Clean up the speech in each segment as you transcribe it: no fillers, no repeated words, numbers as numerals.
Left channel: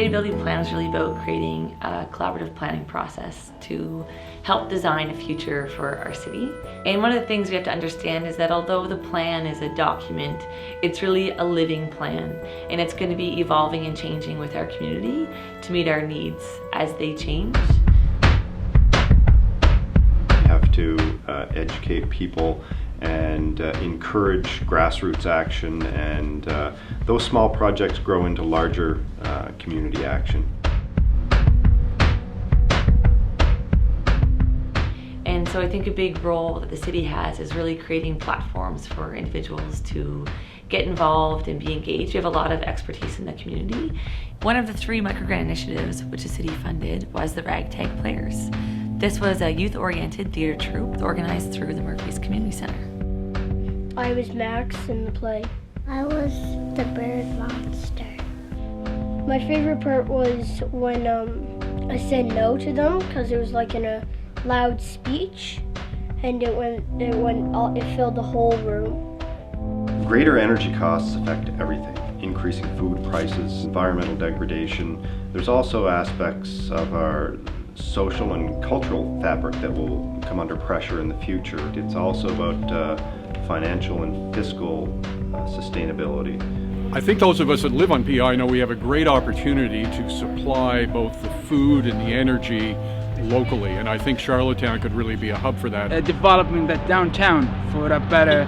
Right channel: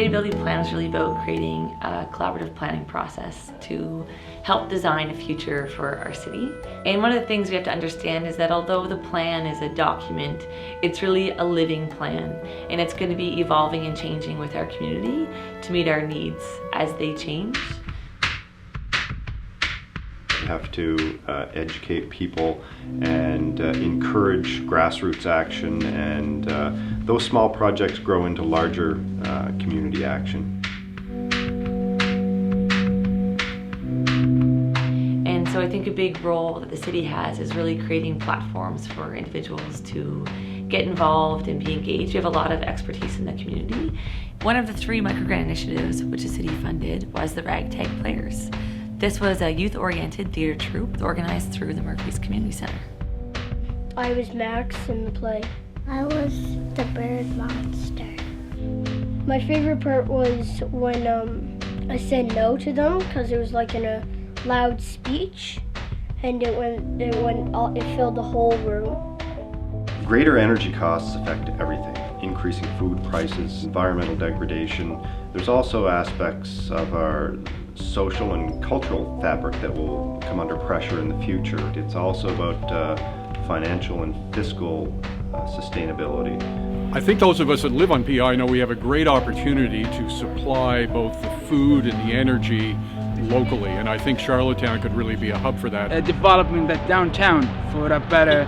sustainability plan is really about creating a collaborative planning process to help design a future for our city. And one of the things we have to understand is that although the plan is a document, it's really a living plan, and it's going to be evolving and changing with our community to meet our needs as they change. We have to educate people and encourage grassroots action, and those small projects grow into larger community action. And so I think a big role that the city has is really creating platforms for individuals to get involved and be engaged. We have a lot of expertise in the community. One of the 3 microgrant initiatives which the city funded was the Ragtag Players. This was a youth-oriented theater troupe organized through the Murphy's Community Center. I was Max in the play. I was the bird monster. My favorite part was when I said no to them, because it was like in a loud speech, and it filled the whole room. Greater energy costs affect everything. Increasing food prices, environmental degradation. There's also aspects of our social and cultural fabric that will come under pressure in the future. It's also about financial and fiscal sustainability. I think those of us that live on PI know we have a great opportunity to supply both the food and the energy locally, and I think Charlottetown could really be a hub for that. Developing the downtown for a better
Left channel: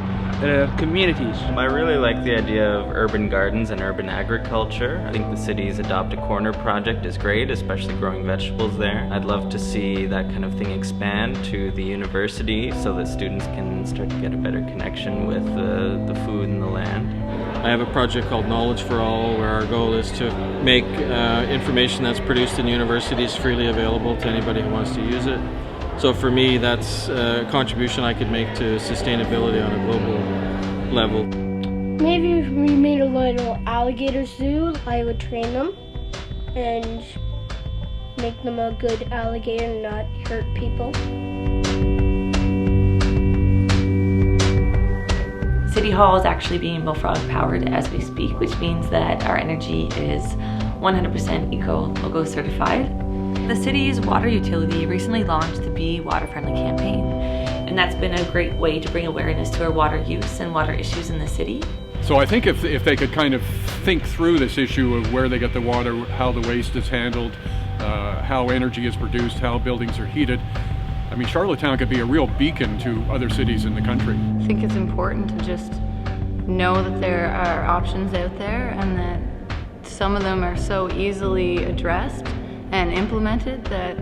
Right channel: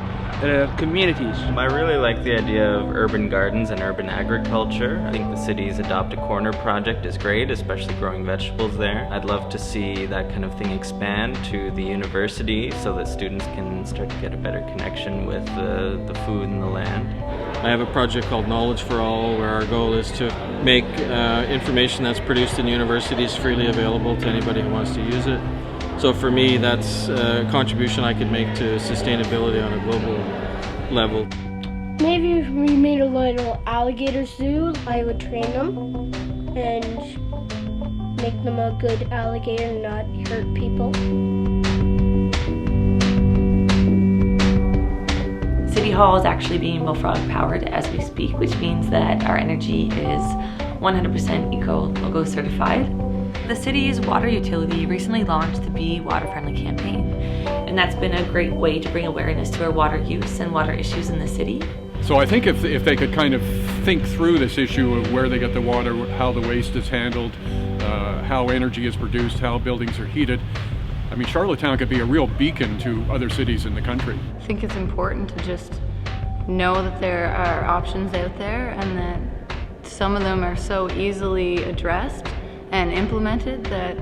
communities. I really like the idea of urban gardens and urban agriculture. I think the city's Adopt a Corner project is great, especially growing vegetables there. I'd love to see that kind of thing expand to the university so that students can start to get a better connection with the food and the land. I have a project called Knowledge for All, where our goal is to make information that's produced in universities freely available to anybody who wants to use it. So for me, that's a contribution I could make to sustainability on a global level. Maybe if we made a little alligator zoo, I would train them and make them a good alligator and not hurt people. City Hall is actually being Millefiore powered as we speak, which means that our energy is 100% Eco-Logo certified. The city's water utility recently launched the Be Water Friendly campaign, and that's been a great way to bring awareness to our water use and water issues in the city. So I think if they could kind of think through this issue of where they get the water, how the waste is handled, how energy is produced, how buildings are heated, I mean, Charlottetown could be a real beacon to other cities in the country. I think it's important to just know that there are options out there and that some of them are so easily addressed and implemented that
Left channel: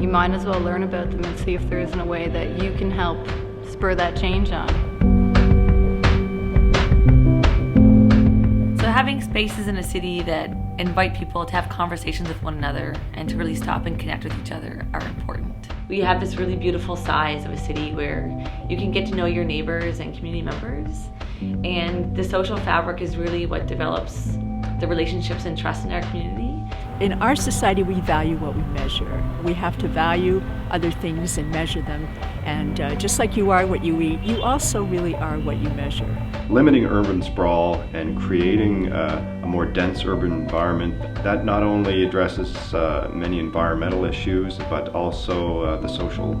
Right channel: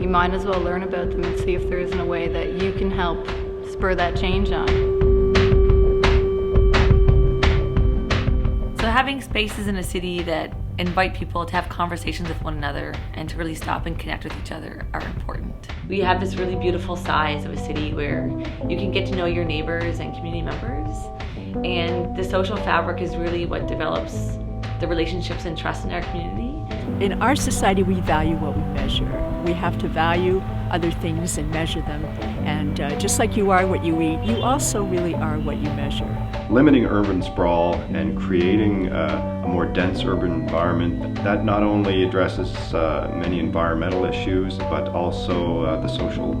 you might as well learn about them and see if there isn't a way that you can help spur that change on. So having spaces in a city that invite people to have conversations with one another and to really stop and connect with each other are important. We have this really beautiful size of a city where you can get to know your neighbors and community members, and the social fabric is really what develops the relationships and trust in our community. In our society, we value what we measure. We have to value other things and measure them. And just like you are what you eat, you also really are what you measure. Limiting urban sprawl and creating a more dense urban environment that not only addresses many environmental issues, but also the social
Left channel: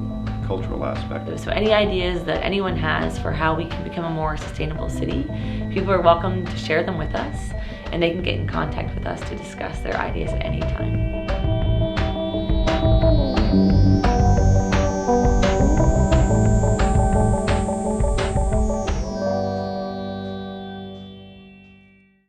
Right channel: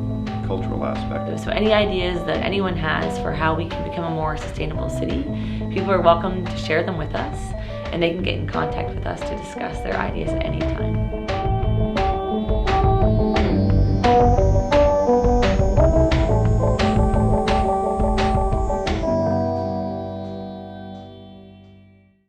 cultural aspect. So any ideas that anyone has for how we can become a more sustainable city, people are welcome to share them with us, and they can get in contact with us to discuss their ideas at any time.